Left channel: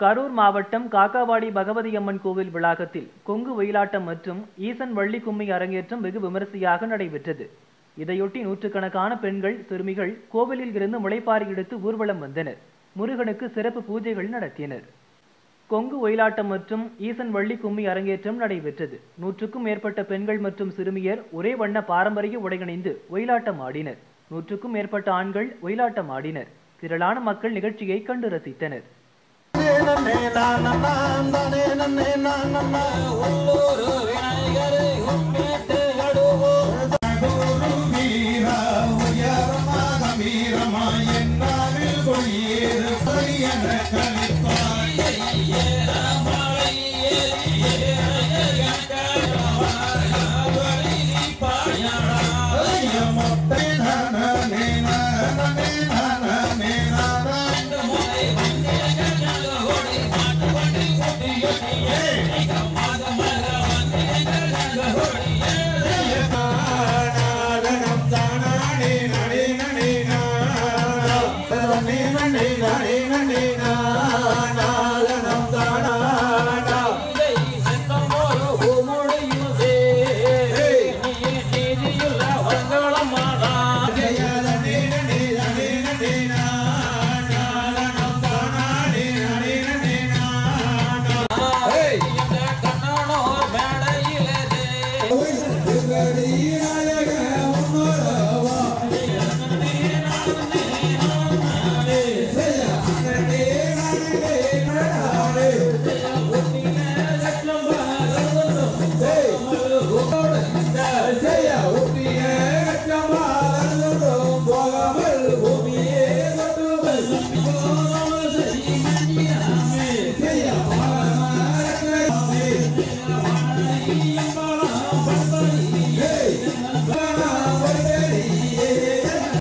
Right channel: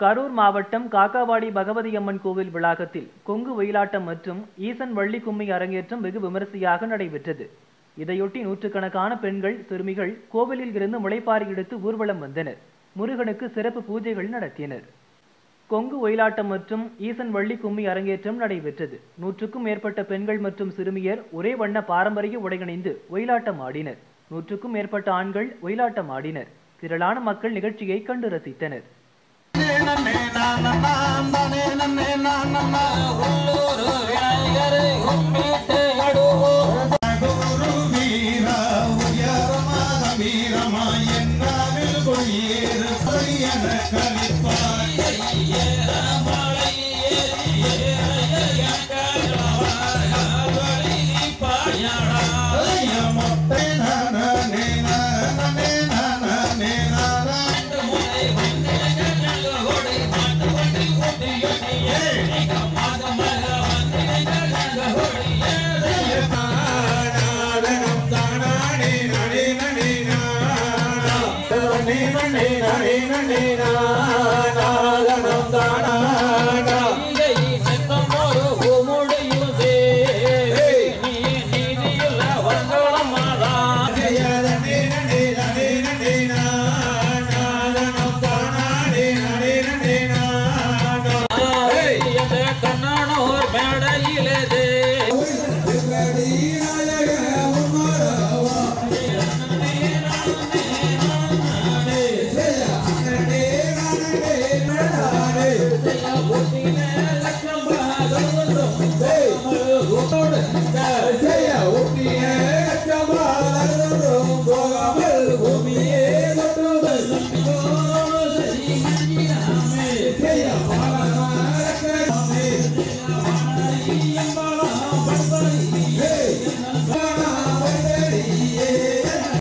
கரூர் மாவட்டம் காக்காவாடி பகவதி அம்மன் கோவில் வளாகத்தில் கொங்கு ஒயிலாட்டம் மற்றும் ஈசன் வள்ளி கும்மி அரங்கேற்றம் வெகு விமரிசையாக நடைபெற்றது. இதையொட்டி நூற்றுக்கணக்கான பெண்கள், சிறுமிகள் கோவிலில் இருந்து முளைப்பாரி எடுத்து ஊர்வலம் வந்தனர். முருகனுக்கு சிறப்பு பூஜைகள் நடத்தினர். கொங்கு ஒயிலாட்டம் மற்றும் ஈசன் வள்ளி கும்மி அரங்கேற்றம் நடைபெற்றது. 100க்கும் மேற்பட்ட பெண்கள் மற்றும் சிறுமியர் ஒரே வண்ண பாரம்பரிய உடையணிந்து ஒயிலாட்டம் ஆடினர். 100க்கும் மேற்பட்ட ஆண்கள் ஒயிலாட்டம் ஆடினர். திரளான மக்கள் நிகழ்ச்சியை கண்டு ரசித்தனர். Nani